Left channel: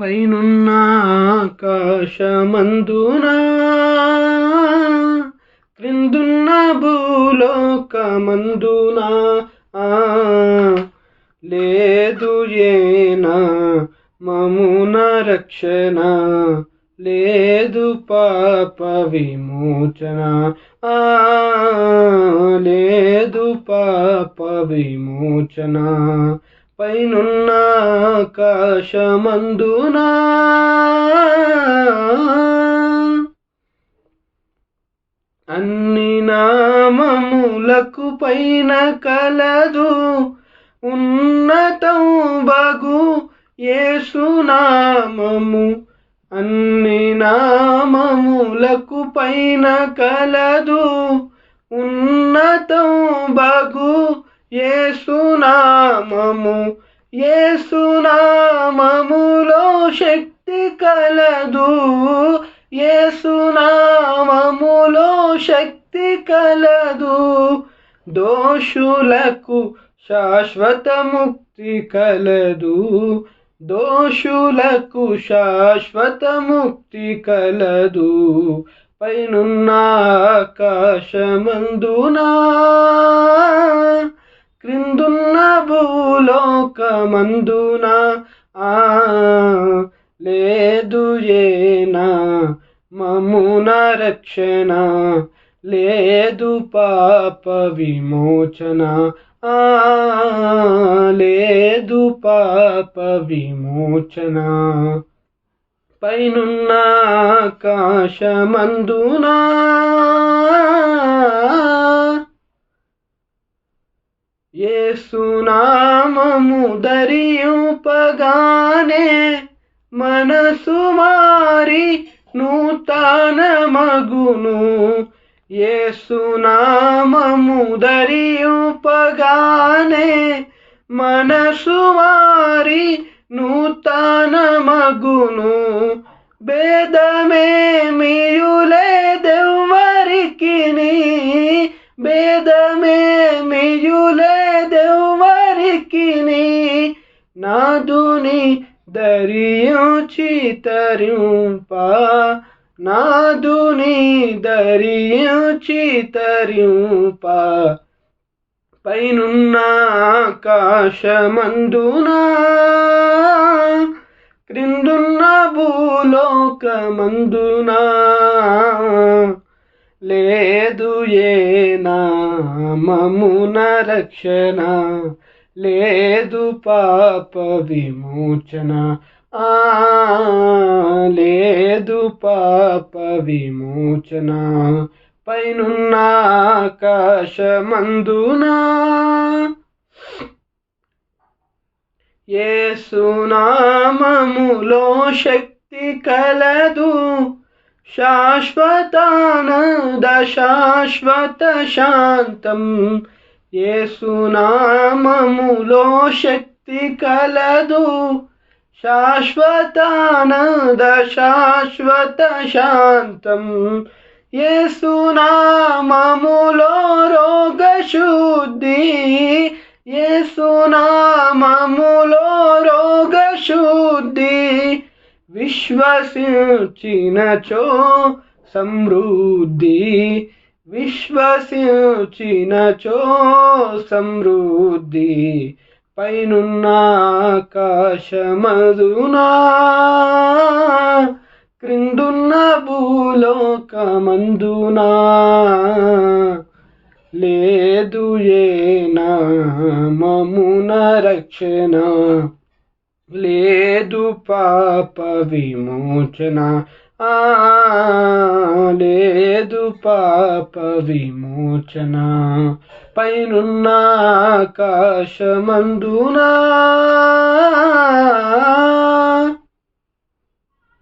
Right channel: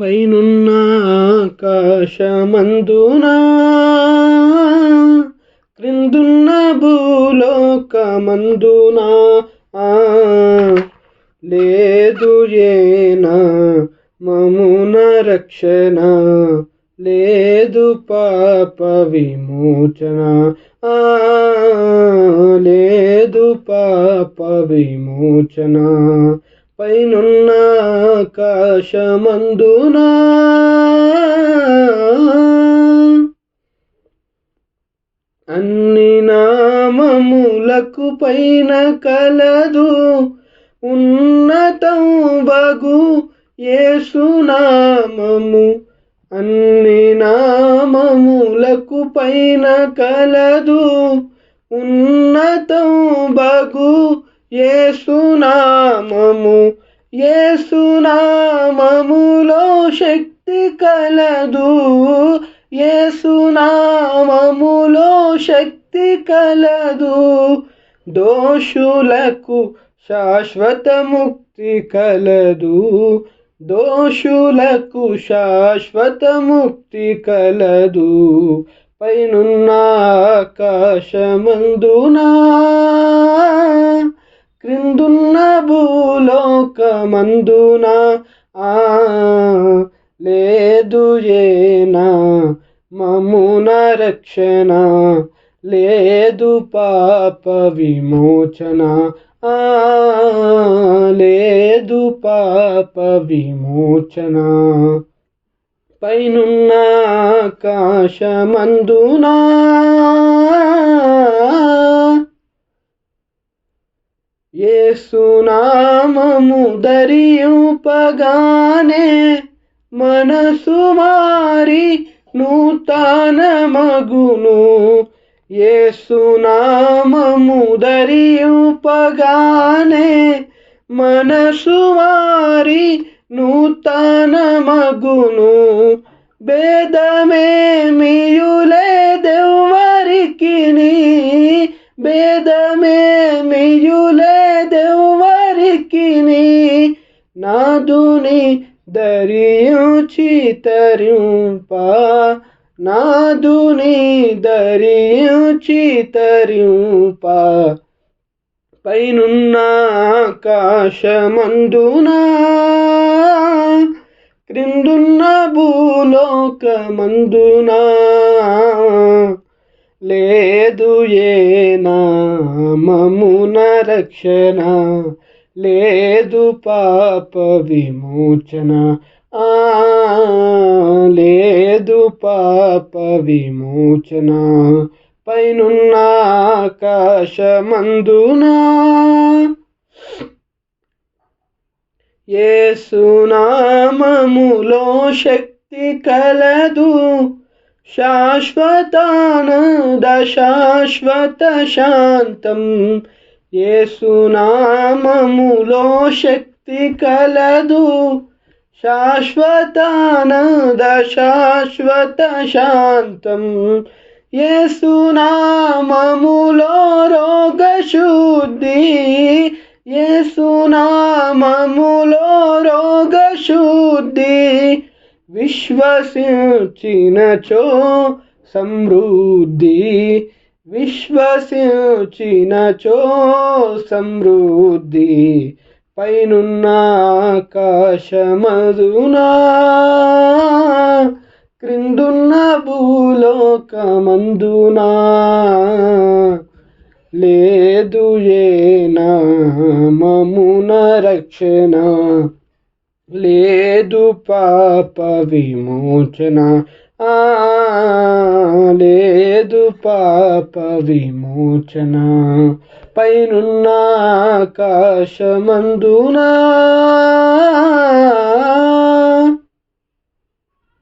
పైనున్న ఆకాశమందున క్రిందున్న భూలోకమందున లేదు ఏనా మమున రక్షణ, లేదు పాప విమోచన, లేదు పాప విమోచన. పైనున్న ఆకాశమందున అన్ని నామములకు పైన కలదు ఉన్నతం బగు యేసునామము. అన్ని నామములకు పైన కలదు ఉన్నతం బగు యేసునామము. యేసునామములో శక్తి కలదు, యేసునామములో శక్తి కలదు. దోషులకు శాశ్వత ముక్తి కలదు, దోషులకు శాశ్వత ముక్తి కలదు. పైనున్న ఆకాశమందున క్రిందున్న భూలోకమందున లేదు ఏనా మమున రక్షణ, లేదు పాప విమోచన, లేదు పాప విమోచన. పైనున్న ఆకాశమందున యేసునామము ధరింపగానే మనసు మారి నూతన మగును. యేసునామము ధరింపగానే మనసు మారి నూతన మగును. భేదమేమియు లేదెవ్వరికిని, భేదమేమియు లేదెవ్వరికిని. నాదుని ధరించి తరింప, నాదుని ధరించి తరింప. పైనున్న ఆకాశమందున క్రిందున్న భూలోకమందున లేదు ఏనా మమున రక్షణ, లేదు పాప విమోచన, లేదు పాప విమోచన. పైనున్న ఆకాశమందున యేసునామములో శక్తి కలదు, శాశ్వతానంద శాశ్వత శాంతం. యేసునామములో శక్తి కలదు, శాశ్వతానంద శాశ్వత శాంతం. యేసునామములో రోగశుద్ధి, యేసునామములో రోగశుద్ధి. విశ్వసించినచో సమృద్ధి, విశ్వసించినచో సమృద్ధి. పైనున్న ఆకాశమందున క్రిందున్న భూలోకమందున లేదు ఏనా మమున రక్షణ, లేదు పాప విమోచన, లేదు పాప విమోచన. పైనున్న ఆకాశమందున